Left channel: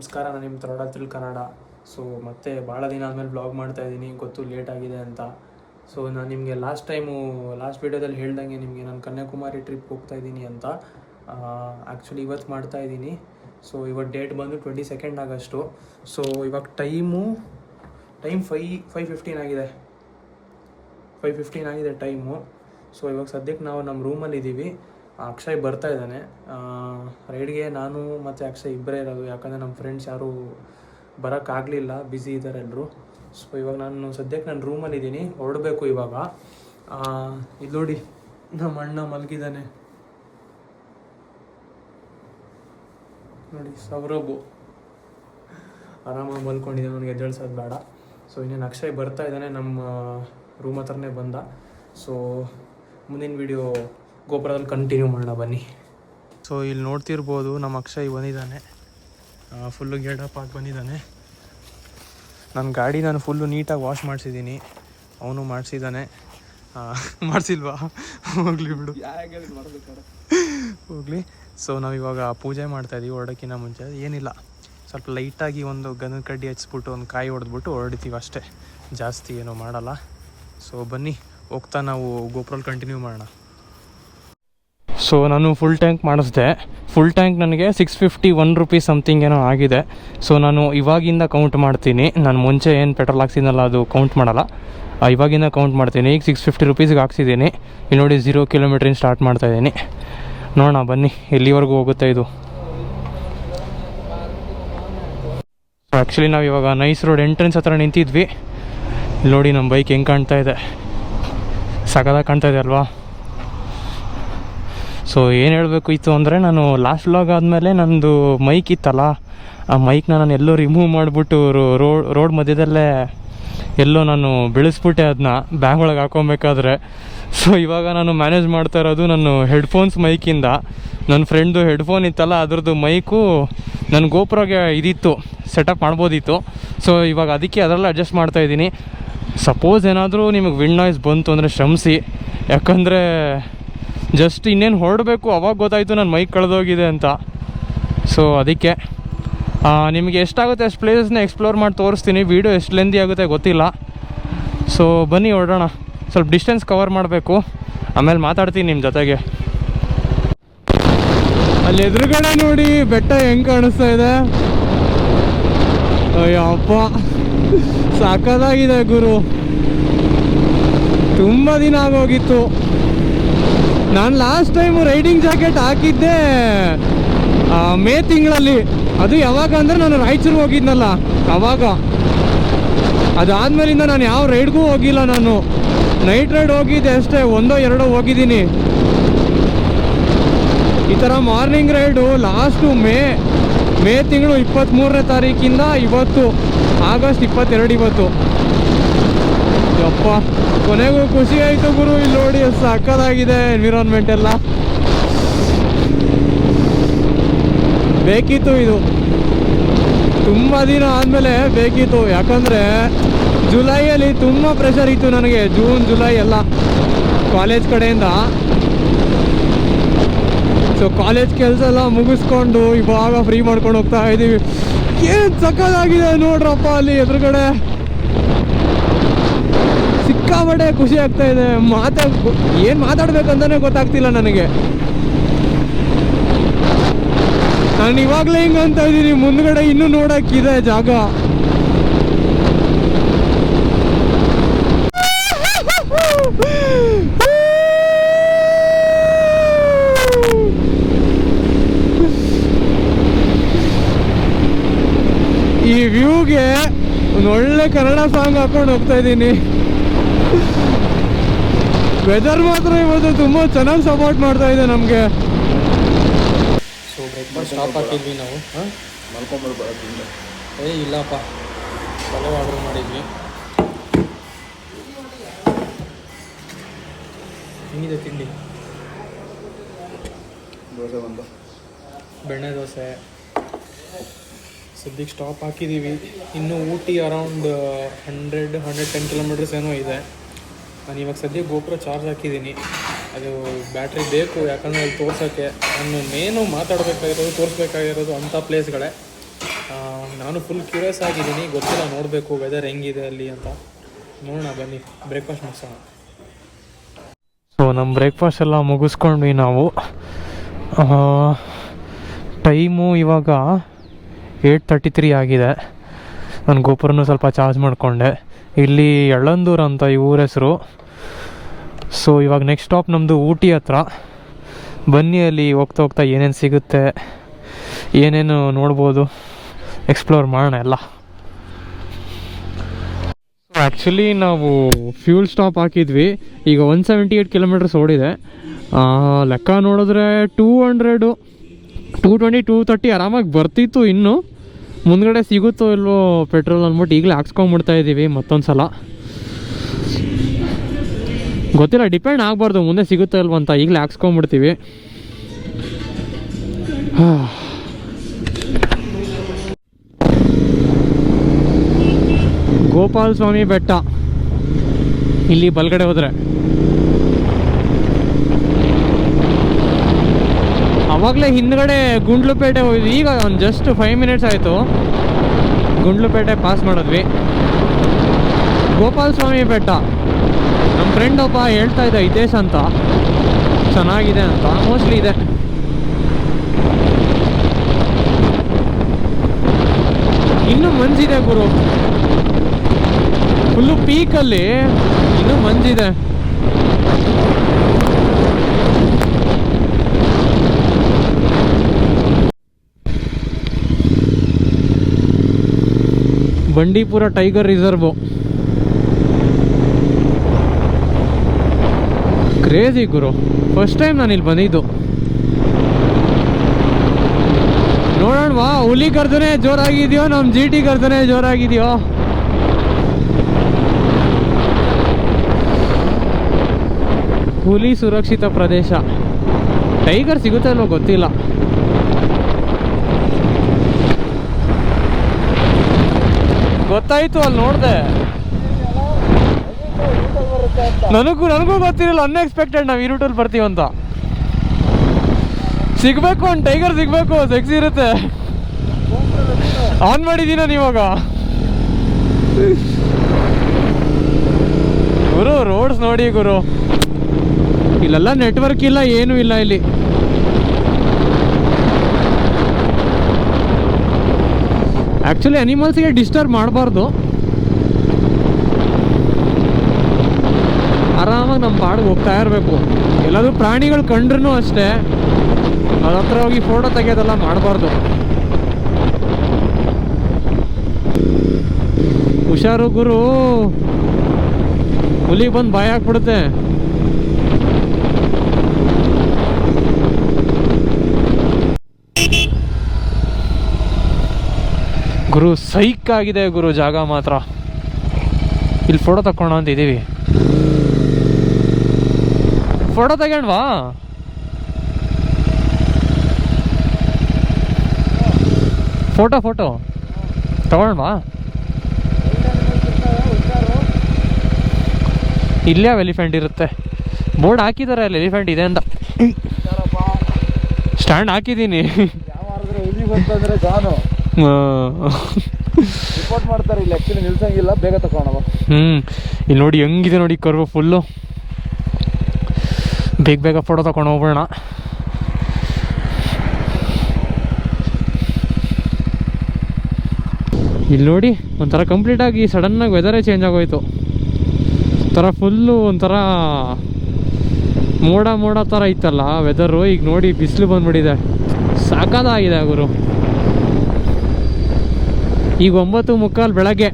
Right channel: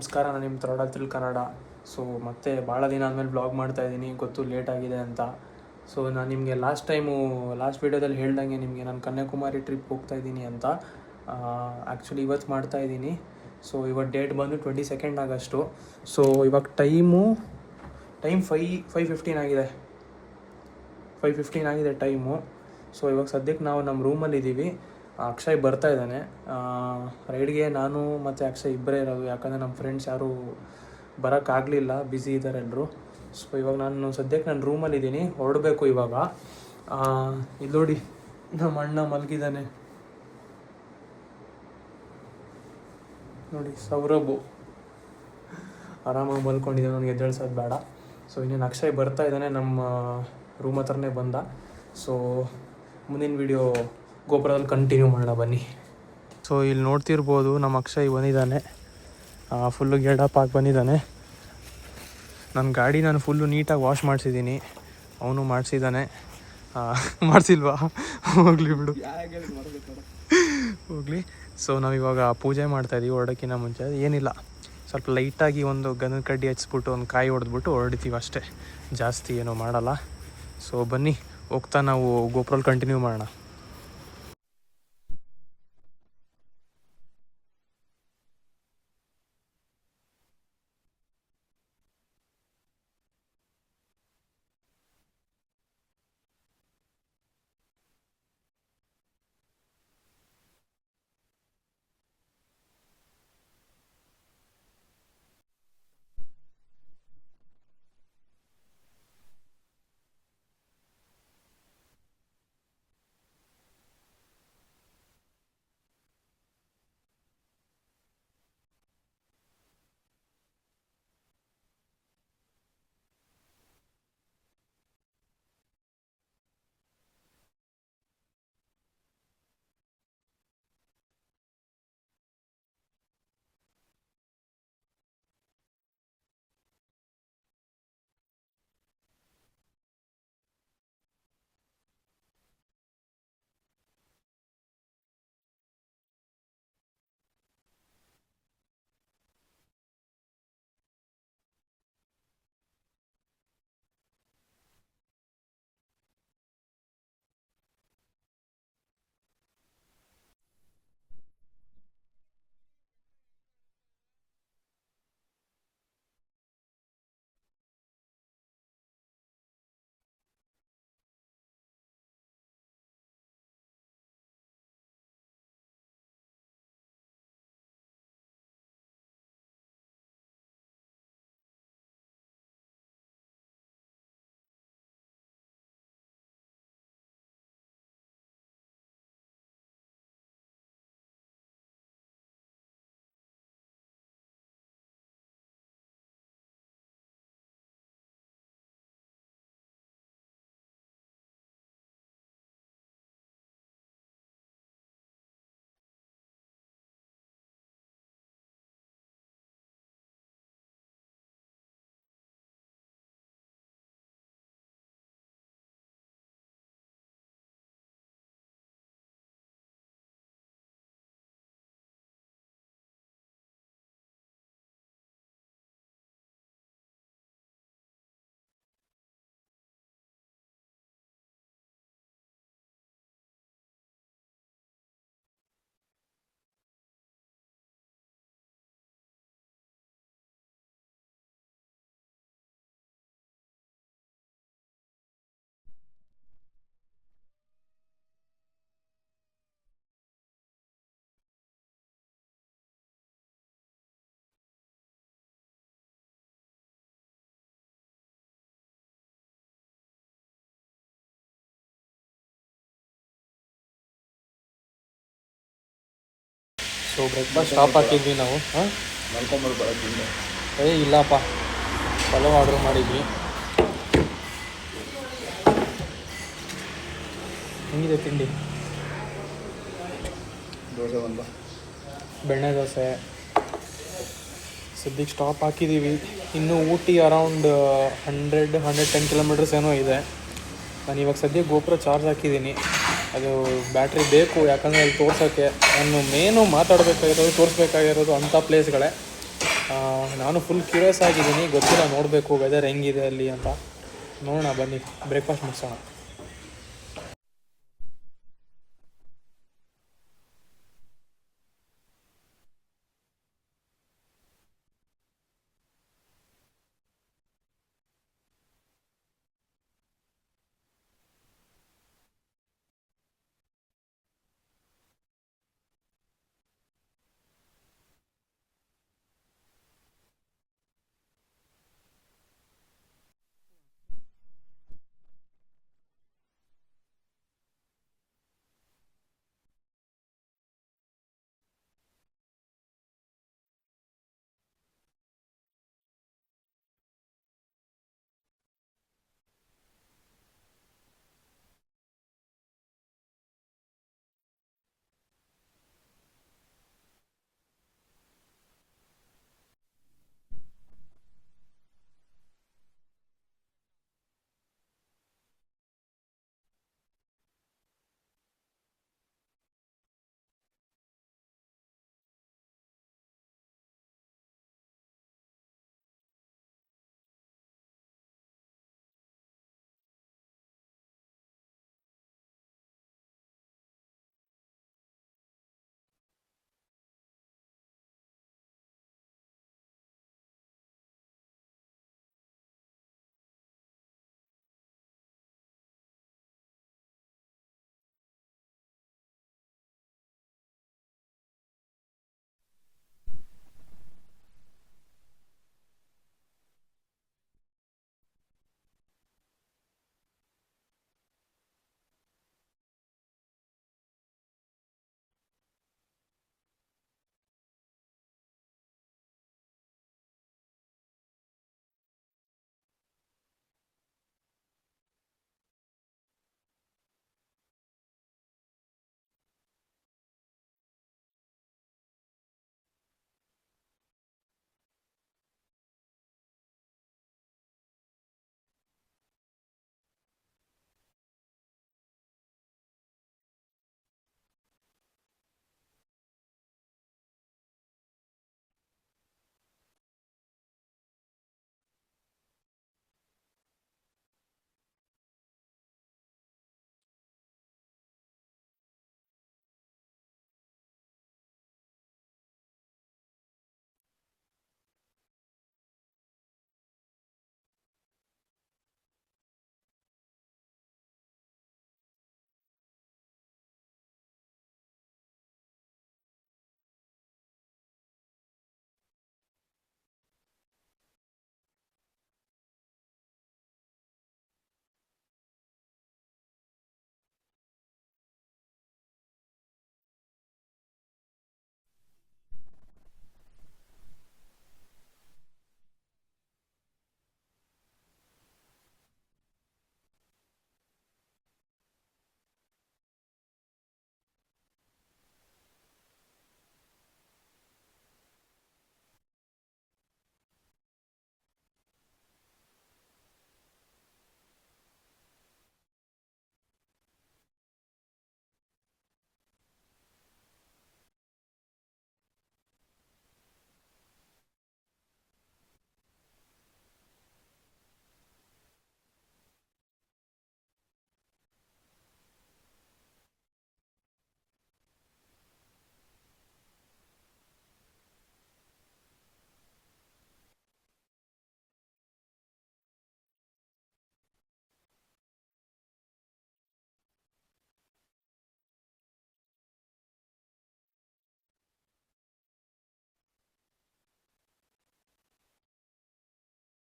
ನಮಸ್ಕಾರ, ನಾನು ನಿಮ್ಮ ತೊರಡಾತಿಲ್ ಕನ್ನಡ. ಸೊ ಮತ್ತೆ ಭಾಳ ದಿನ ಆದಮೇಲೆ ಬ್ಲಾಗ್ ಮಾಡ್ತಾಯಿದ್ದೀನಿ, ಗೊತ್ತು ಲೇಟ್ ಆಗಿದೆ ಅಂತ. ಸೊ ನಾನು ನಿಮಗೆ ಲಾಸ್ಟ್ ವೀಡಿಯೋದಲ್ಲಿ ಹೇಳ್ದಂಗೆ ನಿಮಗೆ ನಾನು ಕನ್ಯಾಕುಮಾರಿ ಟ್ರಿಪ್ ಹೋಗ್ತಾಯಿದ್ದೀನಿ ಅಂತ. ಆ್ಯಕ್ಚುಲಿ ಇವತ್ತು ಮಾಡ್ತಾಯಿದ್ದೀನಿ. ಸೊ ಇವತ್ತು ಡೇಟ್ ಬಂದು 22 ಆಗಸ್ಟು. ಸೊ ಇವಾಗ ಟೈಮ್ 5:15 ಆಗಿದೆ. 5:15 ಆಗಿದೆ ಟೈಮು. ಸೊ ಇವಾಗ ಸದ್ಯಕ್ಕೆ ನಾವು ನಮ್ಮ ರೂಮಲ್ಲಿದ್ದೀವಿ. ಅಕ್ಷಯ್ ಬರ್ತಾ ಇದ್ದಾನೆ ರೈಡ್ಗೆ. ನಾನು ಮತ್ತು ಅಕ್ಷಯ್ ಇಬ್ಬರೇ ಇರೋದು, ಯಾಕಂದರೆ ನಮ್ಮ ಫ್ರೆಂಡ್ಸ್ ಯಾರೂ ಬರೋಕ್ಕಾಗಲಿಲ್ಲ, ಬ್ಯುಸಿ ಇದ್ದಾರೆ ಎಲ್ಲರೂ. ಸೊ ಇವಾಗ ನಾನು ಸದ್ಯಕ್ಕೆ ನನ್ನ ರೂಮಲ್ಲಿದ್ದೀನಿ, ಹೊರಡಬೇಕು ಇವಾಗ. ಇಲ್ಲಿ ನೋಡಿ, ನಮ್ಮ ಅಣ್ಣ ಮಲಗಿದ್ದಾನೆ ನೋಡಿ, ಸೌರಭು ಆರಾಮಾಗಿ ಮಲ್ಕೊಂಡಿದ್ದಾನೆ, ನನಗೆ ಎದ್ದೇಳ್ಸೋದು ಬೇಡ. ಸೊ ಇನ್ನೇನು ಅಕ್ಷಯ್ ಬರ್ತಾ ಇದ್ದಾನೆ, ನಮ್ಮ ರೂಮ್ ಹತ್ರನೇ ಬಂದ. ಸೊ ಮುಂದಿನ ವಿಡಿಯೋ ಗೋಪುರದಲ್ಲಿ ಕಂಟಿನ್ಯೂ ಮಾಡೋಣ ಬನ್ನಿ. ಸೊ ಇಲ್ಲಿ ನೋಡ್ತಿರ್ಬೋದು, ನಮ್ಮ ಅಕ್ಷಯ್ ಬಂದಿದ್ದಾನೆ, ಫುಲ್ಲು ಗೆಟಪ್ ಆಗಿ ಬಂದಿದ್ದಾನೆ. ನನ್ನ ಗಾಡಿ ನಾನು ಫುಲ್ಲು ನೀಟಾಗಿ ವಾಶ್ ಮಾಡಿಸಿದ್ದೀನಿ, ಅವನು ಮಾಡಿಸಿದ್ದಾನೆ. ಮಾಡಿಸಿಲ್ವಾ? ಹೋಗಲಿ ಬಿಡು, ಹೋಗಲಿ. ಸೊ ನಾವಿವಾಗ ಪೂಜೆ ಮಾಡ್ತಾಯಿದ್ದೀವಿ ಹೊರಡೋಕ್ಕಿಂತ ಮುಂಚೆ. ಏನಿಲ್ಲ, ಸ್ವಲ್ಪ ಲೈಟಾಗಿ ಒಂದು ಗಂಧದ ಕಡ್ಡಿ ಹಚ್ಬಿಟ್ಟು ಒಂದು ಕಾಯಿ ಹೊಡೆದ್ಬಿಟ್ಟು ಹೊರಡ್ತೀವಿ ಅಷ್ಟೇ, ಜಾಸ್ತಿ ಏನೂ ಮಾಡಲ್ಲ. ಸೊ ಬನ್ನಿ, ಹೋಗ್ತಾ ನಾವು ಗೋಪುರಲ್ಲಿ ಕಂಟಿನ್ಯೂ ಮಾಡೋಣ. ಸೊ ನಾನು ಫುಲ್ ಟ್ಯಾಂಕ್ ಮಾಡಿಸ್ದೆ. ಫುಲ್ ಟ್ಯಾಂಕ್ ನನಗೆ 651 ರೂಪೀಸ್ ಸಮಥಿಂಗ್ ಏನೋ ಆಗಿದೆ. ಸೊ ನಾನು ಇವಾಗಿಂದ ಕೌಂಟ್ ಮಾಡ್ತೀನಿ. ನಾನು ಮುಂಚೆ ಏನು ಪೆಟ್ರೋಲ್ ಹಾಕ್ಸಿದ್ನಲ್ಲ ಅದು ಕೌಂಟ್ ಮಾಡಲ್ಲ, ಇವಾಗಿಂದ ಕೌಂಟ್ ಮಾಡ್ತೀನಿ. ಈಗ 650 ರೂಪೀಸ್ಗೆ ಹಾಕ್ಸಿದ್ದೀನಿ. ಇಲ್ಲಿ ನೋಡಿ, 0 ಕಿಲೋಮೀಟ್ರಿಂದ ಸ್ಟಾರ್ಟ್ ಮಾಡ್ತಾಯಿದ್ದೀನಿ. ನೋಡೋಣ ಬನ್ನಿ ಎಲ್ಲಿವರೆಗೂ ಹೋಗುತ್ತೆ ಇದು. ಸೊ ಆ್ಯಕ್ಚುಲಿ ನಾವು ಇವಾಗ ನೈಸ್ ರೋಡ್ ಎಂಟ್ರೆನ್ಸ್ ಹತ್ರ ನಿಂತಿದ್ವಿ. ಇಲ್ಲಿ ನೋಡಿ ನಮ್ಮ ಬೈಕ್ ಹೆಂಗೆ ಕಾಣ್ತಾ ಇದೆ, ಸಖತ್ತಾಗಿ ಕಾಣ್ತಾ ಇದೆ ಅಲ್ವಾ? ಸೊ ಏನು ಹೇಳಬೇಕು ಇತ್ತು ಅಂದರೆ, ನಾನು ಲಾಸ್ಟ್ ವ್ಲಾಗ್ ಆದಮೇಲೆ ನನ್ನದು ಮೈಕ್ ಇತ್ತಲ್ಲ, ಆ ಮೈಕ್ನ ನಾನು ಎಲ್ಲೋ ರಿಮೂವ್ ಮಾಡಿಬಿಟ್ಟು ರೋಡ್ ಮಧ್ಯದಲ್ಲೇ ಎಲ್ಲೋ ನಾನು ಬೆಳೆಸ್ಬಿಟ್ಟೆ ಅದನ್ನ ಬ್ಯಾಗ್ ಒಳಗೆ ಹಾಕೊಬೇಕಾದ್ರೆ. ಸೊ ಇವಾಗ ನಾನು ಮ್ಯಾನೇಜ್ ಮಾಡ್ತಾ ಇರೋದು ನನ್ನ ಹೆಡ್ಫೋನ್ಸ್ ಮೈಕಿಂದ. ನನ್ನ ಫ್ರೆಂಡ್ದು ಹೆಡ್ಫೋನ್ ಇತ್ತಲ್ಲ, ಅದ್ರದ್ದು ಮೈಕು ನನ್ನ ಗೋಪುರಗೆ ಇದಿತ್ತು, ಸೆಟಪ್ ಮಾಡ್ಬೋದಿತ್ತು. ಸೊ ಇವಾಗ ಅದಕ್ಕೆ ಅದರಲ್ಲೇ ಅಡ್ಜಸ್ಟ್ ಮಾಡ್ತಾಯಿದ್ದೀನಿ. ಸಪೋಸ್ ಏನಾದರೂ ನಿಮಗೆ ವಿಂಡ್ ನಾಯ್ಸ್ ಬಂತು ಅಂದರೆ ಶ್ರಮಿಸಿ, ಯಾಕಂದರೆ ಜಸ್ಟ್ ಇನ್ನೇನು ಹೊರಡಬೇಕು ಅವಾಗ ಗೊತ್ತಾಯಿತು ನನ್ನ ಮೈಕ್ ಕಳೆದೋಗಿದೆ ಅಂತ. ಸೊ ಅದಕ್ಕೆ ನಿಮಗೆ ಎಷ್ಟಾಗುತ್ತೆ ಅಷ್ಟು ಪ್ಲೇಸಸ್ನ ಎಕ್ಸ್ಪ್ಲೋರ್ ಮಾಡಿ ತೋರಿಸ್ತೀನಿ. ವೀಡಿಯೋ ಎಷ್ಟು ಲೆಂದಿ ಆಗುತ್ತೆ ಗೊತ್ತಿಲ್ಲ. ಸೊ ಬನ್ನಿ ಹೊರಡೋಣ. ಸ್ವಲ್ಪ ಡಿಸ್ಟೆನ್ಸ್ ಕವರ್ ಮಾಡಬೇಕು, ಆಮೇಲೆ ಮಾತಾಡ್ತೀನಿ ನಿಮ್ಮ ಜೊತೆಗೆ. ಅಲ್ಲಿ ಎದುರುಗಡೆ ನೋಡಿ ಬೆಟ್ಟ ಹೆಂಗೆ ಕಾಣಿಸ್ತಾ ಇದೆ. ಅಯ್ಯಪ್ಪ, ಸಾಕಾಗಿದೆ ಗುರು. ತುಂಬ ದಿನ ಆಗೋಗಿತ್ತು. ನಾನು ಲಾಸ್ಟ್ ಟೈಮು ರೈಡಿಂಗ್ ಜಾಕೆಟ್ ಹಾಕಿದ್ದೆ ಮೇ ತಿಂಗಳಲ್ಲಿ. ಅದು ಯಾವಾಗ ಅಂದರೆ ನಾನು ರಾಯಚೂರು ಹೋಗಿದ್ನಲ್ಲ ಆವಾಗ. ಅದಾದಮೇಲಿಂದ ನಾನು ಯಾವ ರೈಡ್ಗೂ ಹೋಗಿಲ್ಲ. ನಾನು ನೈಟ್ ರೈಡ್ ಹೋಗಿದ್ದೆ ಅಷ್ಟೇ, 1-2 ಹೋಗಿದ್ದೀನಿ. ಈ ಥರ ಮಾರ್ನಿಂಗ್ ರೈಡು ಲಾಸ್ಟು ಮೇ ತಿಂಗಳು 23ನೇ ತಾರೀಕಿಂದ ಇವತ್ತು ಆಗಸ್ಟ್ 22 ಇವತ್ತು. ಯಪ್ಪ, ಕೊನೆಗೂ ಖುಷಿ ಆಯಿತು ಗುರು. ಇಲ್ಲಿ ನೋಡಿ ಸಕ್ಕತ್ತಾಗಿದೆ ಎನ್ವಿರಾನ್ಮೆಂಟ್ ಎಲ್ಲ. ಬೇಕಿತ್ತು ಇದು, ತುಂಬ ದಿನ ಆದಮೇಲೆ ಬೇಕಿತ್ತು. ಯಾಕಂದರೆ ಜುಲೈಯಲ್ಲಿ ತುಂಬ ಪ್ರೆಷರ್ ಇತ್ತು ನನಗೆ, ಜೂನ್ ಜುಲೈ ಎಲ್ಲ ಕಾಲೇಜ್ ಕಡೆಯಿಂದ. ಸೊ ಕಾಲೇಜ್ ಕೆಲಸ ಎಲ್ಲ ಮುಗಿಸ್ಕೊಂಡು ಇವಾಗ ಫ್ರೀ ಮಾಡ್ಕೊಂಡು ಹೋಗ್ತಾ ಇದ್ದೀವಿ. ಏನು ಸಕ್ಕತ್ತಾಗಿದೆ ನೋಡ್ರಪ್ಪ, ಅಲ್ಲಿ ಎದುರುಗಡೆ ಸಿಕ್ಕಾಪಟ್ಟೆ ಖುಷಿ ಆಗ್ತಾ ಇದೆ. ಏನು ಮಾತಾಡ್ಬೇಕಂತಾನೆ ಗೊತ್ತಾಗ್ತಿಲ್ಲ ನನಗೆ. ನಾನು ಇವಾಗಲೇ ಹಿಂಗೆ ಅಂತ ಇದ್ದೀನಿ, ಮುಂದ್ಗಡೆ ಇನ್ನೂ ನೋಡೋಕ್ಕಿದೆ ಜಾಗ. ಈ ವ್ಯೂಗೆ ಒಂದು ಒಳ್ಳೆ ಕನ್ನಡ ಸಾಂಗ್ ಹಾಕೊಂಡು ಹೋಗ್ತಾ ಇದ್ದೀನಿ. ವೆದರ್ ಮಾತ್ರ ಇವತ್ತು ತುಂಬ ಚೆನ್ನಾಗಿ ಸಪೋರ್ಟ್ ಮಾಡ್ತಾ ಇದೆ ನಮಗೆ. ಸೊ ಬ್ರೇಕ್ಫಾಸ್ಟ್ ಸ್ಟಾಪ್ ಹಾಕಿದ್ವಿ ನಾವು. ಮಲ್ಕೊಂಬರ್ಬಾರ್ದು. ಇಲ್ಲಪ್ಪ, ಪಲಾವ್ ಆರ್ಡ್ರ್ ಮಾಡಿದ್ವಿ. ಹೆಂಗಿದೆ ತಿಂಡಿ? ದೋಸೆ ಒಂದು, ಬೆಣ್ಣೆ ದೋಸೆ. ಸದ್ಯಕ್ಕೆ ಸ್ಟಾಪ್ ಹಾಕಿದ್ದೀವಿ. ಇನ್ನು ಊಟಿ ಅರೌಂಡ್ 110 ಕಿಲೋಮೀಟರ್ಸ್ ಏನೋ ಇದೆ. ನಾನು ಇವಾಗ ಸದ್ಯಕ್ಕೆ ಗೋಪುರ ಚಾರ್ಜ್ ಹಾಕಿದ್ದೀನಿ. ಅದು ಬ್ಯಾಟ್ರಿ ಬೇಕು, ಯಾಕಂದರೆ ಅಲ್ಲಿ ತೋರ್ಸೋಕ್ಕೆ ನಾನು ಮೇನು ಮಾತಾಡಬೇಕಾಗಿರೋದು, ತೋರಿಸ್ಬೇಕಾಗಿರೋದು ಅಂಥ ಪ್ಲೇಸ್ಗಳೇ. ನಾನು ಫುಲ್ ಕ್ಯೂರಿಯಸ್ ಆಗಿದ್ದೀನಿ, ಗೊತ್ತಿಲ್ಲ, ನೋಡಬೇಕು ವೆದರ್ ಹೆಂಗಿದೆ ಅಲ್ಲಿ ಅಂತ. ನೋಡೋಣ ಬನ್ನಿ, ಬ್ರೇಕ್ಫಾಸ್ಟ್ ಮುಗಿಸೋಣ. ಸೊ ನಮ್ಮ ಬ್ರೇಕ್ಫಾಸ್ಟ್ ಎಲ್ಲ ಮುಗಿಸ್ಕೊಂಡ್ವಿ ನಾವು. ಟೈಮು ಇವಾಗ 8:33 ಆಗಿದೆ. ನಾನು ಗೋಪುರನೂ ಸ್ವಲ್ಪ ಚಾರ್ಜ್ ಮಾಡಿಕೊಂಡೆ. ಇಲ್ಲಿ ಯಳಂದೂರು ಅಂತ ಈ ಊರ ಹೆಸರು. ಸೊ ಇವಾಗ ನೆಕ್ಸ್ಟ್ ಸ್ಟಾಪ್ ನಮ್ಮದು ಊಟಿ ಹತ್ರ. ಬನ್ನಿ ಅಲ್ಲಿ ಹೋಗ್ತಾ ಹೋಗ್ತಾ ಏನೇನು ಸಿಗುತ್ತೆ, ಏನೇನು ನೋಡ್ಬೋದು, ಎಕ್ಸ್ಪ್ಲೋರ್ ಮಾಡೋಣ ಎಲ್ಲ. ಆ್ಯಕ್ಚುಲಿ ನಾವು ಫ್ಯೂಲ್ ಸ್ಟಾಪ್ ಹಾಕಿದ್ವಿ. ಈಗ 178 ಕಿಲೋಮೀಟರ್ಸ್ ಓಡಿದೆ. ಲೆಕ್ಕ ನೋಡಿದ್ರೆ 200, 220, 230 ಆರಾಮಾಗಿ ಬರ್ತಿತ್ತು. ಇನ್ನು ಮುಂದ್ಗಡೆ ಸಿಗುತ್ತೋ ಇಲ್ವೋ ಪೆಟ್ರೋಲ್ ಅಂದ್ಬಿಟ್ಟು ಈಗಲೇ ಹಾಕ್ಸ್ಕೊಂಬಿಡ್ತಾ ಇದ್ದೀವಿ ಮತ್ತೊಂದು ಸಲ. ಗೊತ್ತಿಲ್ಲ, ಡಿಪೆಂಡ್ ಆಗಬಾರ್ದು ಮುಂದೆ ಸಿಗುತ್ತೋ ಇಲ್ವೋ ಅಂತ. ಈಗಲೇ ಹಾಕ್ಸ್ಕೊಂಬಿಡ್ತೀವಿ. ಗೋಪಾಲ ಸ್ವಾಮಿ ಬೆಟ್ಟ ಇಲ್ಲಿ ಬಲ್ಗಡೆ ಹೋದರೆ. ಆವಾಗಲೇ ಹಿಂದ್ಗಡೆ ಗುಂಡ್ಲುಪೇಟೆ ಹೋಗಿದ್ವಿ. ಈಗ ಒಂದು ಜಸ್ಟ್ 5 ಮಿನಿಟ್ಸ್ ಆಯಿತು ಗುಂಡ್ಲುಪೇಟೆ ಪಾಸ್ ಮಾಡಿದ್ವಿ. ಗೋಪಾಲ ಸ್ವಾಮಿ ಬೆಟ್ಟ ನಮ್ಮ ಫ್ರೆಂಡ್ ಒಬ್ಬ ಹೇಳ್ತಾ ಇದ್ದ, ಹಿತೇಶ್ ಅಂತ, ಚೆನ್ನಾಗಿದೆ ಅಂತ. ಮೋಸ್ಟ್ಲಿ ಇದೆ. ಇನ್ನೂ ಮಂಜಿದೆ ಗುರು, ಫುಲ್ಲು ಪೀಕಲ್ಲಿ ಇನ್ನೂ ಮಂಜಿದೆ. ಬಂಡೀಪುರ ಟೈಗರ್ ರಿಸರ್ವ್ ಕ್ರೇಜಿ ಗುರು. ಫಸ್ಟ್ ಟೈಮ್ ನಾನು ಇಲ್ಲಿ ಬಂದಿದ್ದು. ನೋಡೋಣವಾ, ಹುಲಿ ಗರ್ಜನೆ ಜೋರಾಗಿದೆಯೋ ನಮ್ಮ GT ಗರ್ಜನೆ ಜೋರಾಗಿದೆಯೋ. ಹುಲಿ ಸುರಕ್ಷಿತ ಪ್ರದೇಶ. ಟೈಗರ್ ಸಿಗುತ್ತೆ ಅಲ್ವೋ ಗೊತ್ತಿಲ್ಲ. ಗೊತ್ತಾಯ್ತು, ಅಲ್ಲಿ ನೋಡಿದೆ. ನನಗೂ ಗೊತ್ತಿರಲಿಲ್ಲ. ಅನ್ಎಕ್ಸ್ಪೆಕ್ಟೆಡ್ ನಾವು ಈ ರೂಟಲ್ಲಿ ಬರ್ತೀವಂತ. ಸಿಗಬೇಕು, ಒಂದು ಟೈಗರ್ ಸಿಗಬೇಕು, ಸೆಕ್ಸಿ ಇರುತ್ತೆ. ಆನ್ ಮಾಡಿದ್ದೀನ ನೀವಾಗ ಗುರು. ರೋಡ್ಸ್ ನೋಡಿ ಗುರು, ಇಲ್ಲೆಲ್ಲ ನೆಟ್ವರ್ಕ್ ಇಲ್ಲ, ಏನೂ ಇಲ್ಲ ಇಲ್ಲಿ. ಆ್ಯಕ್ಚುಲಿ ಅನಿಮಲ್ಸಿಗೆ ಡಿಸ್ಟರ್ಬ್ ಮಾಡಬಾರ್ದು. ಆರಾಮಾಗಿ ನಮ್ಮ ಪಾಡಿಗೆ ಹೋಗ್ತಾ ಇರಬೇಕು. ಎಲ್ಲಾದರೂ ಪ್ರಾಣಿಗಳು ಕಂಡ್ರೂ ಅಷ್ಟೇ ಅದ್ರ ಹತ್ರ ಹೋಗಿ ಫೋಟೋ ತೆಗೆಯೋದೆಲ್ಲ ಮಾಡಬಾರ್ದು. ಹುಷಾರು ಗುರು, ಹುಲಿ ಬಂದು ಭಯ ಹಾಕ್ಬಿಡುತ್ತೆ. ಗುರು ಸೈಕ್ ಆಗಿದೆ ಗುರು ಜಾಗ ಮಾತ್ರ. ಇಲ್ಲಿ ಫೋಟೋ ತಕ್ಕೋಣ ಅಂತ ಇದ್ದೀವಿ. ಫೋಟೋ ತಗೊಂಡ್ವಾ? ಫೋಟೋ ತಗೊಂಡ್ವಾ? ಇಲ್ಲೇ ಎಲಿಫೆಂಟ್ ಇರುತ್ತೆ. ಬೋರ್ಡ್ ಹಾಕಿದ್ದಾರೆ ಅಲ್ಲಿ ಎಲಿಫೆಂಟ್ ಇದೆ ಅಂತ. ಸ್ಟ್ಯಾಂಡ್ ಹಾಕಿದ್ದೀನಿ. ರಿಪೋರ್ಟ್ ಮಾಡ್ತಾರೆ ಇಲ್ಲಿ. ಆ್ಯಕ್ಚುಲಿ ನಿಲ್ಸಂಗಿಲ್ಲ, ಬೇಗ ತಗೊಂಡವ. ಇಲ್ಲಿ ನೋಡಿ ಹೆಂಗಿದೆ ನೋಡಿ ಕರ್ವ್ ಫುಲ್ಲು. ಬೇಗ ಫೋಟೋ ತಗೊಂಡು ಹೋಗೋಣ. ಇಲ್ಲಿ ನೋಡಿ ಒಂಥರ ಕಂಪ್ಲೀಟಾಗಿ ಸಡನ್ನಾಗಿ ವೆದರೇ ಚೇಂಜ್ ಆಗೋಯ್ತು. ಒಂಥರ ಫುಲ್ಲು ಒಂಥರ ಮೋಡ ಥರ ಇತ್ತಲ್ಲ ವೆದರು. ಈಗ ನೋಡಿ ಬಿಸಿಲು ಬಂದ್ಬಿಟ್ಟಿದೆ. ಸಾಕಾಗಿದೆ ಗುರು. ಈಗ 9:45 ಬೆಳಗ್ಗೆ.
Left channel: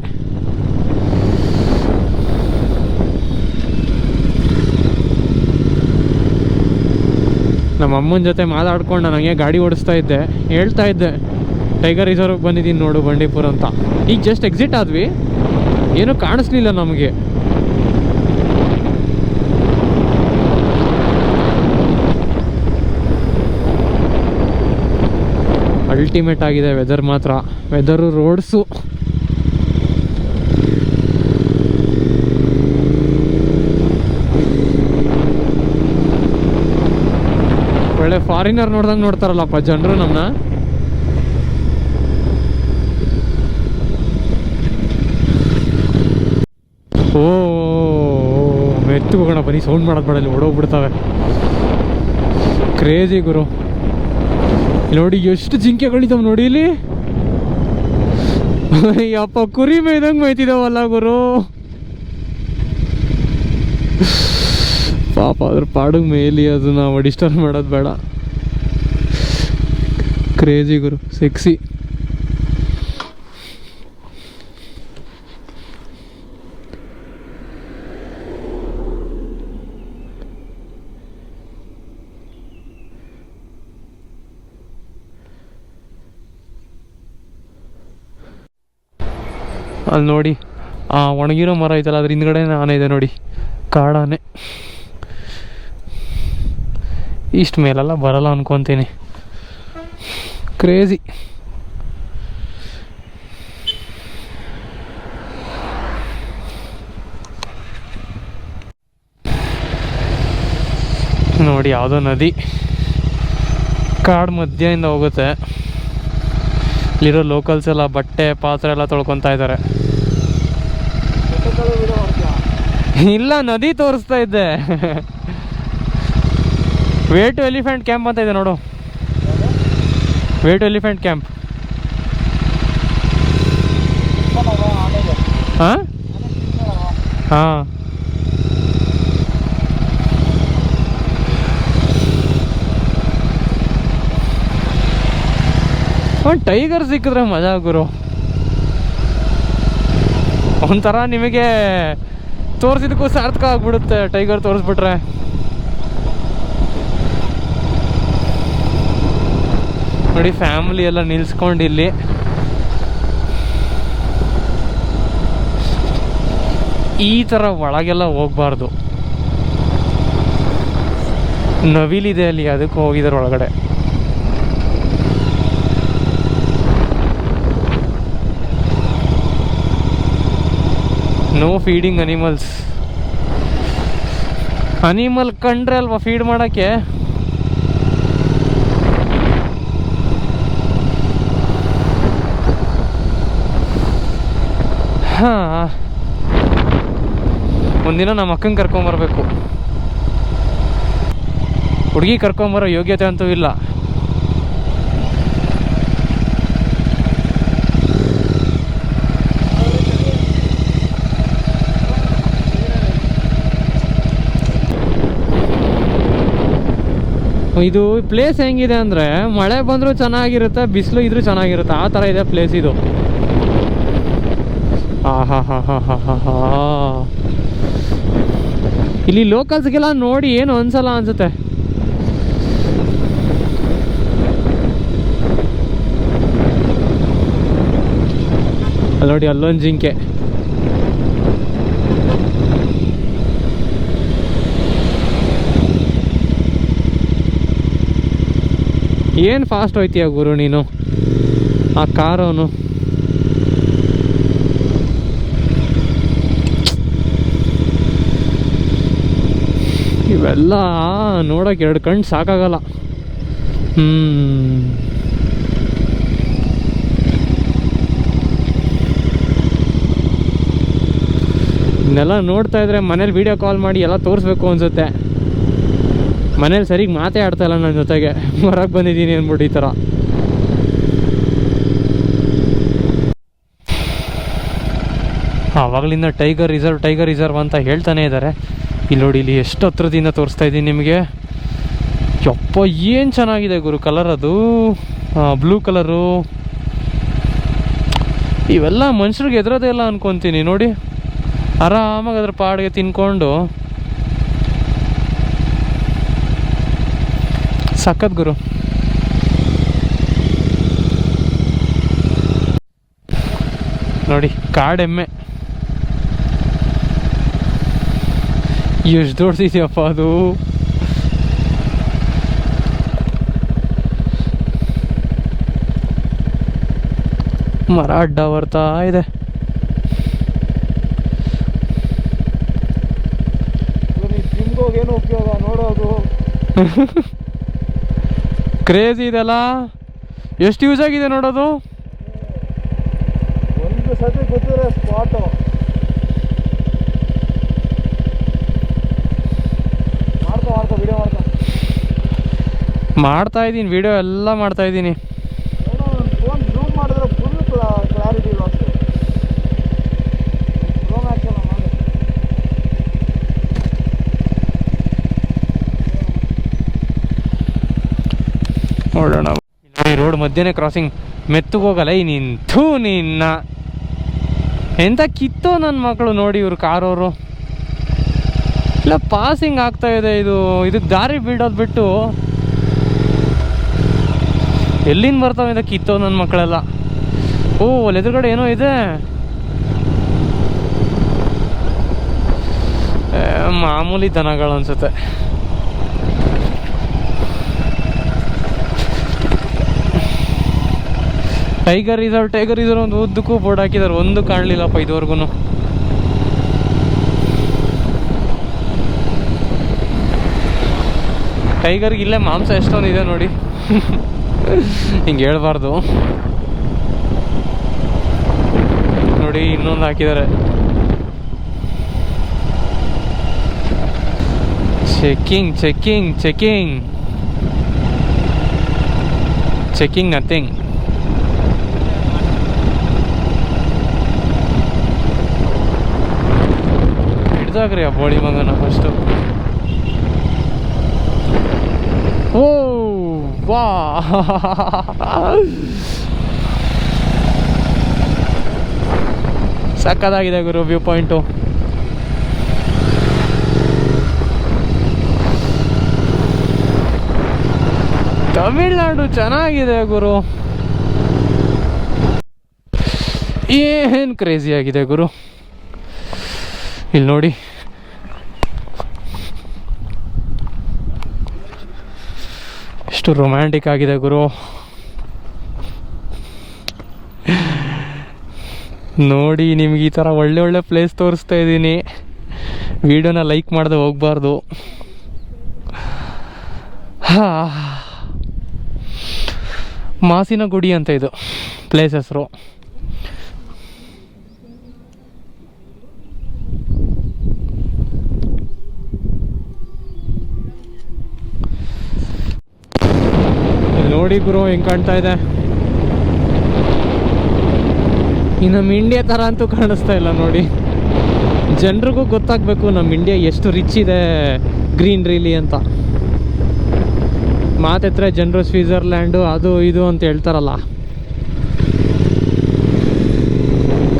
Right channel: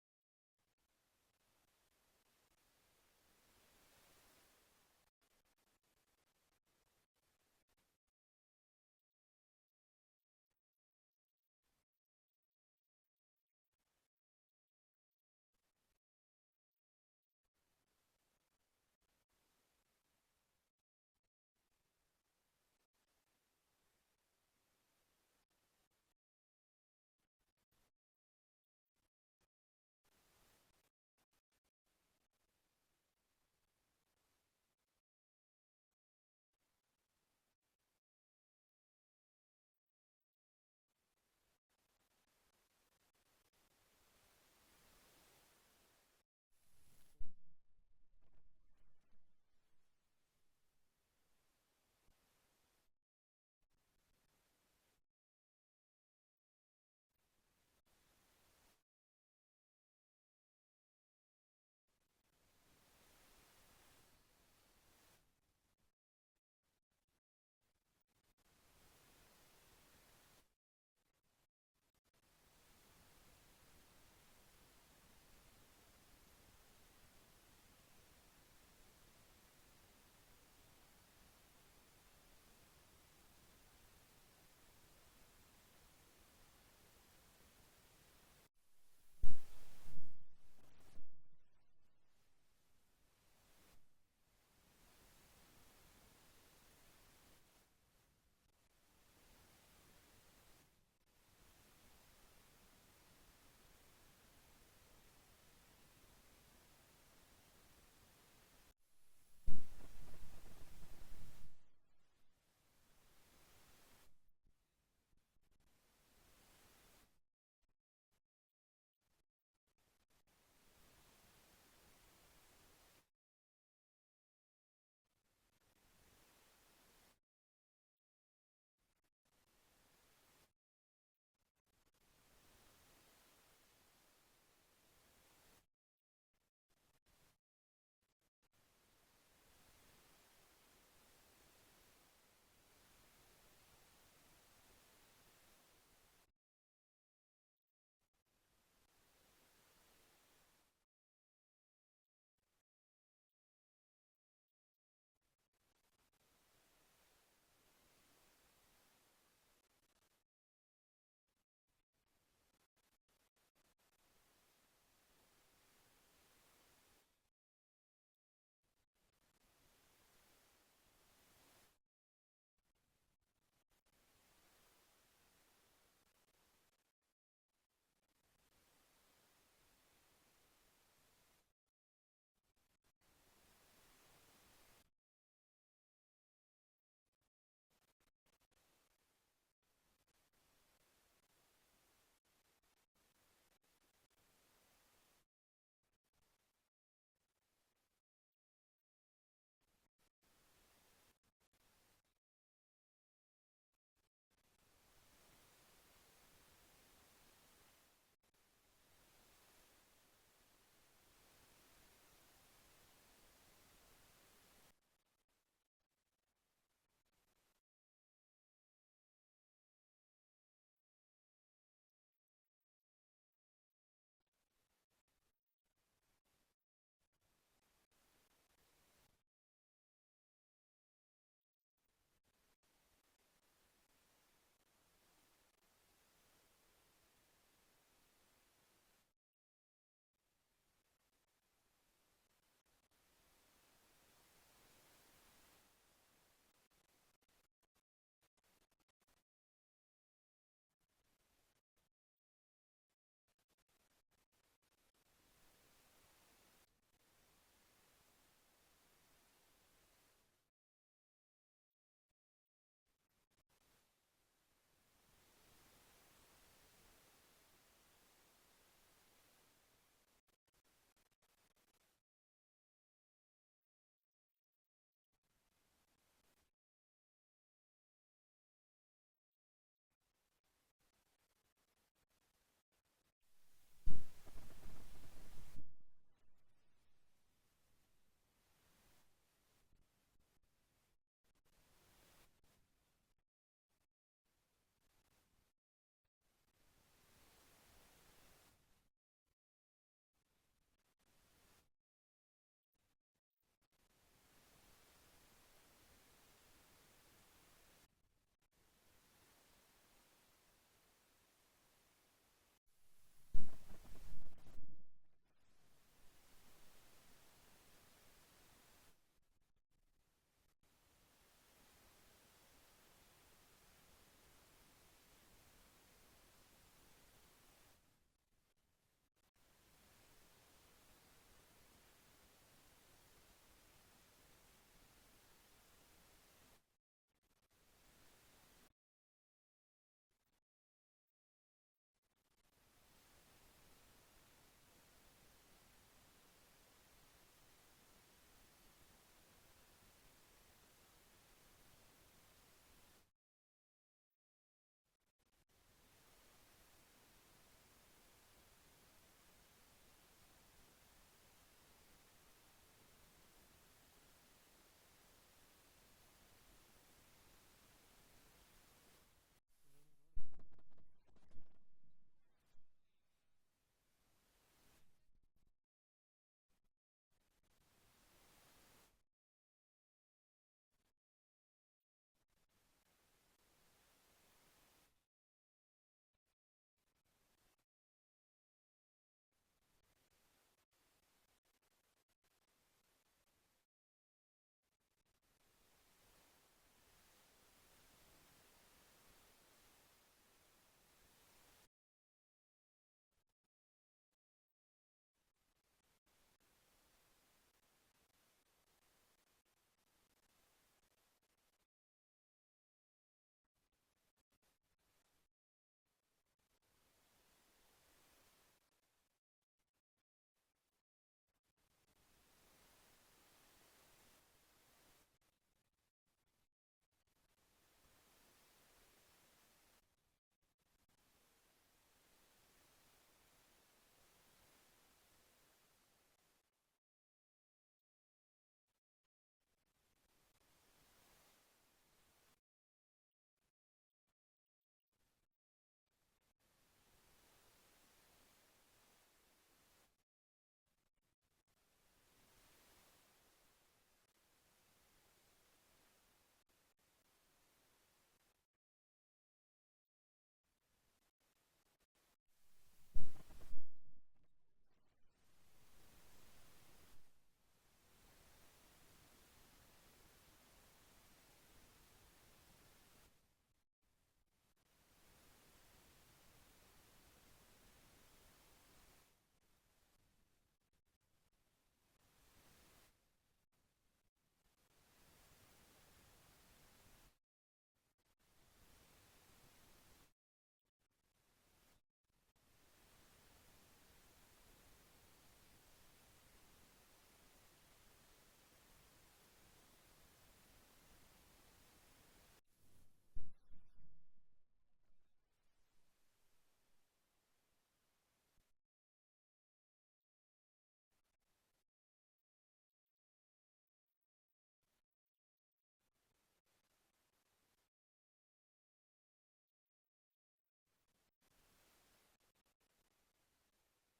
ನಮ್ಮ ಅಮ್ಮನ ಜೊತೆ ಮಾತಾಡ್ಕೊಂಡು ನಾನು ಹಂಗೆ ಗಾಡಿ ಓಡಿಸ್ತಾ ಇದ್ದೆ. ಹೇಳ್ತಾ ಇದ್ದೆ ಟೈಗರ್ ರಿಸರ್ವ್ಗೆ ಬಂದಿದ್ದೀನಿ ನೋಡು ಬಂಡೀಪುರ ಅಂತ. ಈಗ ಜಸ್ಟ್ ಎಕ್ಸಿಟ್ ಆದ್ವಿ, ಏನೂ ಕಾಣಿಸ್ಲಿಲ್ಲ ನಮಗೆ. ಅಲ್ಟಿಮೇಟ್ ಆಗಿದೆ ವೆದರ್ ಮಾತ್ರ. Weather, roads. ಒಳ್ಳೆ ಫಾರಿನರ್ ನೋಡ್ದಂಗೆ ನೋಡ್ತಾರಲ್ಲಪ್ಪ ಜನರು ನಮ್ಮನ್ನ. ಬರೀ ಸೌಂಡ್ ಮಾಡೋದು ಬೇಡ, ಇಲ್ಲಿ ಓಡೋಗ್ಬಿಡ್ತವೆ. ಕ್ರೇಜಿ ಗುರು. ಇಲ್ಲಿ ನೋಡಿ ಎಷ್ಟು ಜಿಂಕೆಗಳಿದ್ದಾವೆ ನೋಡಿ ಇಲ್ಲಿ. ಯಪ್ಪ ಕುರಿ ಮೇಯ್ದಂಗೆ ಮೇಯ್ತಿದ್ದಾವಲ್ಲ ಗುರು. ಪಾಪ ಅದ್ರ ಪಾಡಿಗೆ ಮೇಲಿ, ಅದು ನಾವು ಡಿಸ್ಟರ್ಬ್ ಮಾಡೋದು ಬೇಡ. ಕ್ರೇಜಿ ಗುರು, ಸೆಕ್ಸಿ. ಅಲ್ಲಿ ನೋಡಿ ಆ ಒಣಗಿರೋ ಮರ ಐತಲ್ಲ, ಅದ್ರ ಹಿಂದ್ಗಡೆ ಆನೆ ಇದೆ ನೋಡಿ, ಕಾಡಾನೆ. ಇಷ್ಟು ಮೇಲೆಲ್ಲ ಬರಲ್ಲ ಅನ್ಕೊತೀನಿ. ಕ್ರೇಜಿ. ನೋಡಿ ಯಾವುದೋ ನದಿ ಕಾಡು ಮಧ್ಯದಿಂದ ಹೋಗುತ್ತೆ. ಇಲ್ಲಿರೋ ಲೋಕಲ್ಸ್ ಎಲ್ಲ ಬಟ್ಟೆ ಪಾತ್ರೆ ಎಲ್ಲ ತೊಳ್ಕೊತಾ ಇದ್ದಾರೆ. ಇಲ್ಲ, ನದಿ ತೋರಿಸ್ತಾ ಇದ್ದೆ. ವೇ ಟು ಎಲಿಫೆಂಟ್ ಕ್ಯಾಂಪ್ ಅಂತ ಇದೆ ನೋಡು. Way to elephant camp. ಹಾಂ ಹಾಂ. ಒಂದು ಟೈಗರ್ ಸಿಕ್ಕಿದ್ರೆ ಮಜಾ ಗುರು. ಒಂಥರ ನಿಮಗೆ ತೋರಿಸಿದಕ್ಕೂ ಸಾರ್ಥಕ ಆಗ್ಬಿಡುತ್ತೆ ಟೈಗರ್ ತೋರಿಸ್ಬಿಟ್ರೆ. ನೋಡಿ ಫ್ಯಾಮಿಲಿ ಎಲ್ಲ ನಿಲ್ಸ್ಕೊಂಡು ಇಲ್ಲಿ. ಈ ಥರ ಒಳಗೆಲ್ಲ ಹೋಗ್ಬಾರ್ದು. ನವಿಲಿದೆ ಅಲ್ಲಿ, ಅದಕ್ಕೆ ಹೋಗಿದ್ದಾರೆ ಒಳಗಡೆ. No feeding animals. ಅನಿಮಲ್ ಕಂಡ್ರೆ ಅಲ್ವಾ ಫೀಡ್ ಮಾಡೋಕ್ಕೆ. ಹಾಂ, ಒಂದಿನ ನಮ್ಮ ಅಕ್ಕಂಗೆ ಕರ್ಕೊಂಬರ್ಬೇಕು. ಹುಡುಗಿ ಕರ್ಕೊಂಬರೋ ಯೋಗ್ಯತೆ ಅಂತೂ ಇಲ್ಲ. ಇದು ಪ್ಲೇಸ್ ಹೆಂಗಿದೆ ಅಂದರೆ, ಮಳೆ ಬಂದರೂ ಚೆನ್ನಾಗಿರುತ್ತೆ, ಬಿಸಿಲು ಇದ್ರೂ ಚೆನ್ನಾಗಿರುತ್ತೆ, ಆ ಥರ ಇದೆ ಪ್ಲೇಸ್ ಇದು. ಹಾ ಹಾ ಹಾ ಹಾ ಹಾ ಹಾ. ಇಲ್ಲಿ ಲೋಕಲ್ಸ್ಗೆಲ್ಲ ನೋಡಿ ಏನು ಅನ್ಸಲ್ಲ ಅನ್ಸುತ್ತೆ. ಅಲ್ಲಿ ನೋಡಿ ಅಲ್ಲೊಂದು ಜಿಂಕೆ. ಏನು ಫಾಸ್ಟ್ ಹೋಯ್ತೀಯ ಗುರು ನೀನು, ಆ ಕಾರವನು. ಇವೆಲ್ಲ ನೋಡೋಕೆ 2 ಕಣ್ಣು ಸಾಕಾಗಲ್ಲ. ಇದನ್ನೆಲ್ಲ ನೋಡ್ತಾ ಇದ್ರೆ ಮನೇಲಿ ವಿಡಿಯೋ ಕಾಲ್ ಮಾಡಿ ಎಲ್ಲ ತೋರಿಸ್ಬೇಕು ಅನ್ಸುತ್ತೆ. ಮನೇಲಿ ಸರಿಗೆ ಮಾತೇ ಆಡ್ತಾ ಇಲ್ಲ ನನ್ನ ಜೊತೆಗೆ, ಹೊರಗೆ ಬಂದಿದ್ದೀನಿ ಅಂದ್ಬಿಟ್ಟು ಈ ಥರ. ಆವಾಗಲಿಂದ ಟೈಗರ್ ರಿಸರ್ವ್ ಅಂತ ಹೇಳ್ತಾನೆ ಇದ್ದಾರೆ. ಇಲ್ಲಿ ನೋಡಿ, ಇಲ್ಲಿ ಎಷ್ಟು ಹತ್ರದಿಂದ ತೋರಿಸ್ತಾ ಇದ್ದೀನಿ ನಿಮಗೆ. ಯಪ್ಪ ಏನು ಚೆನ್ನಾಗಿದೆ ಗುರು ಕಲರ್, ಅದು ಬ್ಲೂ ಕಲರು. ಇವೆಲ್ಲ ಮನುಷ್ಯರಿಗೆ ಎದುರೋದೇ ಇಲ್ಲ ಅನ್ಕೊತೀನಿ. ನೋಡಿ ಆರಾಮಾಗಿ ಅದ್ರ ಪಾಡಿಗೆ ತಿನ್ಕೊಂಡು ಸಖತ್ ಗುರು. ನೋಡಿ ಕಾಡೆಮ್ಮೆ ಎಷ್ಟು ದೊಡ್ಡದಿದೆಯಪ್ಪ ಅದು. ಮರ ಅಡ್ಡ ಬರ್ತಾ ಇದೆ. ಏನು ಉಪಯೋಗ ನೋಡೋದು. ಕ್ರೇಜ್ ಇದೆಲ್ಲ, ಎಷ್ಟು ಯೂಸ್ ಆಗಿದೆ ನೋಡೋದು. ಒಂದು ಸತಿ ಗೊತ್ತಿರೋ ಸ್ಪಾಟು. ವಿಡಿಯೋ ಮಾಡ್ತಾ ಇದ್ದೀನಿ, ವಿಡಿಯೋ ಎಲ್ಲ ಮಾಡ್ತಾ ಇದ್ದೀನಿ. ಫೋನ್ ಜೂಮ್ ಮಾಡಿದ್ರೆ full clarity loss. Pro Max ಎಲ್ಲ ಮಾಡಿ ನೋಡೋಣ. ರೋಡ್ ಮಧ್ಯೆನೇ ಕ್ರಾಸಿಂಗ್, ಮೆತ್ತಗೆ ಹೋಗಲ್ಲ ಈ ನಿಂತು ನಿನ್ನ ಎಂತ ಕಿತ್ತೋ ನನ್ನ ಮಕ್ಕಳು ನೋಡಿ. ಇವರು ಕಾರವರು ಇಲ್ಲ ಪಾಸಿಂಗ್ ಆಗ್ತಾ ಇದೆ. ಇದಕ್ಕೆ ದಾರಿ ಬಿಡೋದು ಬಿಟ್ಟು ಎಲ್ಲಿಂದ ಬರ್ತಾವೆ ಇಂದ ಕಿತ್ತೋ ನನ್ನ ಮಕ್ಕಳೆಲ್ಲ. ಓ ಅಲ್ಲಿ ಎದುರುಗಡೆ ಏನೋ ಇದೆ, ಮಾಮೂಲಿ ದನಗಳು ಅನ್ಸುತ್ತೆ. ಟೈಗರ್ ರಿಸರ್ವ್ ಒಂದು ಉದ್ದಕ್ಕೂ ಬೋರ್ಡ್ ಹಾಕಿದ್ದಾರೆ, ಒಂದು ಕಾಣಲಿಲ್ಲಪ್ಪ ಇದುವರೆಗೂ. ಟೈಗರ್ಗೆ ಇಲ್ಲೇ ಮಾಂಸ ಎಷ್ಟೊಂದಿದೆ ನೋಡಿ. ಹಿಂಗೆ ಹೇಳ್ಬಾರ್ದು ನೋಡಿ. ಇನ್ನೊಂದು ಹಾಕಿದ್ದಾರೆ. Checking checking checking checking nothing. ಹಿಡ್ದಾಗ್ರಿ ಆ ಬೋಳಿ ಮಗನ ಫಸ್ಟು. ಓ ವಾ, ಸಕ್ಕದಾಗಿದೆ ಗುರು ವ್ಯೂ ಪಾಯಿಂಟು. ತಮಿಳ್ನಾಡು ಚೆನ್ನಾಗಿದೆ ಗುರು, ಏನು ಕ್ರೇಜಿ ಆಗಿದೆ ಗುರು. ಇಲ್ಲಿ ನೋಡಿ, ಎಷ್ಟು ರೊಮ್ಯಾಂಟಿಕ್ ಆಗಿದೆ ಗುರು. ನೋಡಿ ನಿಮ್ಗೆ ಈ ಥರ ಒಳ್ಳೆ ಒಳ್ಳೆ ಪ್ಲೇಸ್ ತೋರಿಸ್ತಾ ಇದ್ದೀನಿ. ವಿಡಿಯೋನ ಲೈಕ್ ಮಾಡದೆ ಹೋಗ್ಬಾರ್ದು. ಮಾಸಿನ ಗುಡಿ ಅಂತ ಇದು ಪ್ಲೇಸ್ ಹೆಸರು. ನೋಡಿ ಗುರು ಹೆಂಗೆ ಕಾಣ್ತಾ ಇದೆ. ಈ ನಮ್ಮ ಇಂಡಿಯಾ ಥರ ಅಂತೂ ಕಾಣಿಸ್ತಾ ಇಲ್ಲ ನೋಡಿ. ಜನರಿಗೂ ಗೊತ್ತಾಗಬೇಕು ನಮ್ಮ ಇಂಡಿಯಾ ಎಷ್ಟು ರಿಚ್ ಇದೆ ಗ್ರೀನ್ರಿಲಿ ಅಂತ. ಮಾತೆತ್ರ ಜನರು ಸ್ವಿಟ್ಜರ್ಲ್ಯಾಂಡು ಅದು ಇದು ಅಂತ ಹೇಳ್ತಾರಲ್ಲ,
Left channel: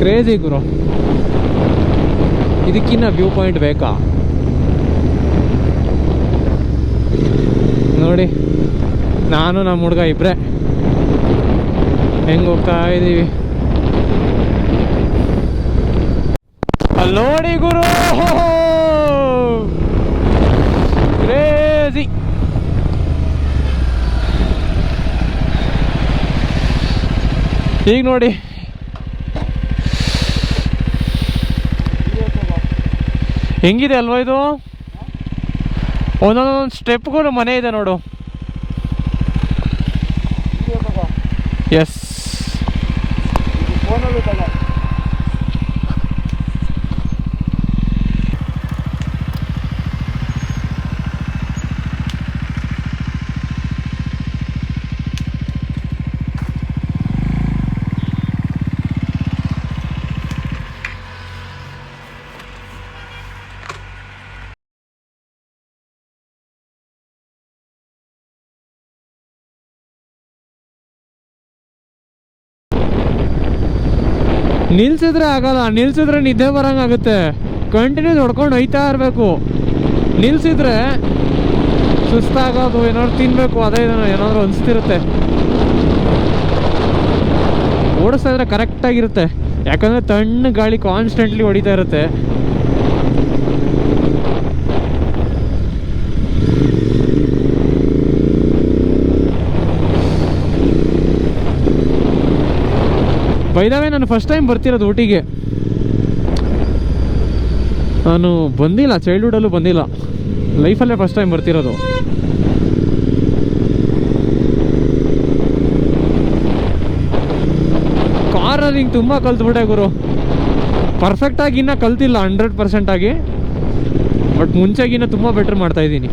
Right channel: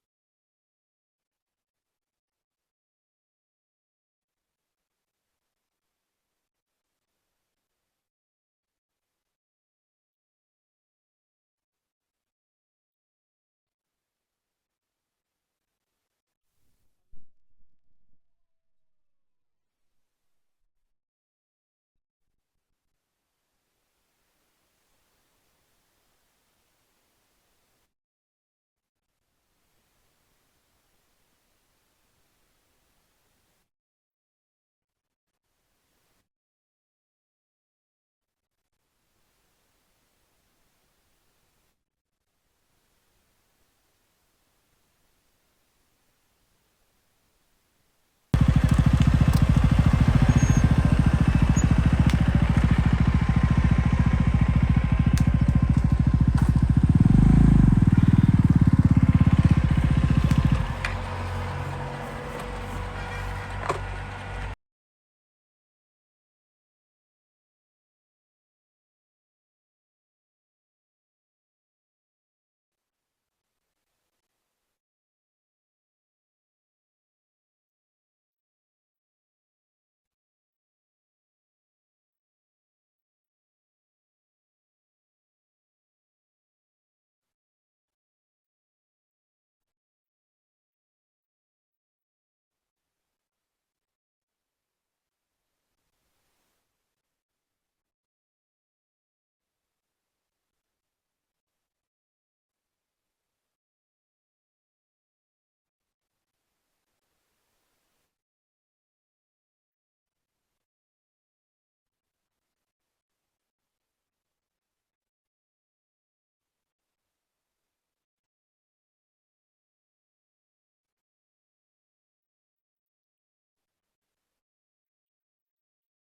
ಕ್ರೇಜಿ ಗುರು. ಇದಕ್ಕಿನ್ನ ವ್ಯೂ ಪಾಯಿಂಟ್ ಬೇಕಾ ನೋಡಿ. ನಾನು ನಮ್ಮ ಹುಡುಗ ಇಬ್ಬರೇ ಹೆಂಗೆ ಹೋಗ್ತಾ ಇದ್ದೀವಿ ಅಲ್ಲಿ ನೋಡಿ ಗುರು. ಕ್ರೇಜಿ. ಈಗ ನೋಡಿ ಹೆಂಗಿದೆ ಅಲ್ವಾ ಇದು. ಒಂದೊಂದೊಂದು ಸ್ಟೆಪ್ಗೂ ಮನೆ ಇದೆ ನೋಡು. ಎಸ್, ಫೋನಲ್ಲಿ ತಗ. ನಿಲ್ಸಿದ್ರೆ ಆಗಲ್ಲ, ನಿಲ್ಸಿದ್ರೆ ನಿದ್ದೆ ಬರಂಗಾಗುತ್ತೆ. ಕಂಟಿನ್ಯೂ ಹೊಡ್ಕೊಂಡು ಹೋಯ್ತಾ ಇರಬೇಕು. ನಿಲ್ಸಿದ್ರೆ ಸುಸ್ತಾಗೋದು, ಏನಾದ್ರು ತಿನ್ನಬೇಕು, ಅದೇ ಏನಾದರೂ ಅನಿಸ್ತಿರುತ್ತೆ. ಓಡಿಸ್ತಾ ಇದ್ರೆ ಕರೆಕ್ಟಾಗಿರುತ್ತೆ, ಯಾಕಂದರೆ ತಣ್ಣ ಗಾಳಿ ಕಾನ್ಸ್ಟೆಂಟ್ಲಿ ಹೊಡಿತಾ ಇರುತ್ತೆ. ಬೈದಾವೆ ನಾನು ಫಸ್ಟ್ ಟೈಮ್ ಬರ್ತಿರೋದು ಊಟಿಗೆ. ನಾನು ಬಂದಿಲ್ಲ, ಚೈಲ್ಡ್ಹುಡಲ್ಲೂ ಬಂದಿಲ್ಲ, ಲೈಫಲ್ಲೇ ಫಸ್ಟ್ ಟೈಮ್ ಬರ್ತಿರೋದು. ಕಾರಲ್ಲಿ ಹಿಂಗೆ ತುಂಬ ಕಲ್ತ್ಬಿಟ್ಟೆ ಗುರು. ಪರ್ಫೆಕ್ಟಾಗಿ ಇನ್ನೂ ಕಲ್ತಿಲ್ಲ 100% ಆಗಿ, ಬಟ್ ಮುಂಚೆಗಿನ್ನ ತುಂಬ ಬೆಟ್ರ್ ಮಾಡ್ತಾಯಿದ್ದೀನಿ.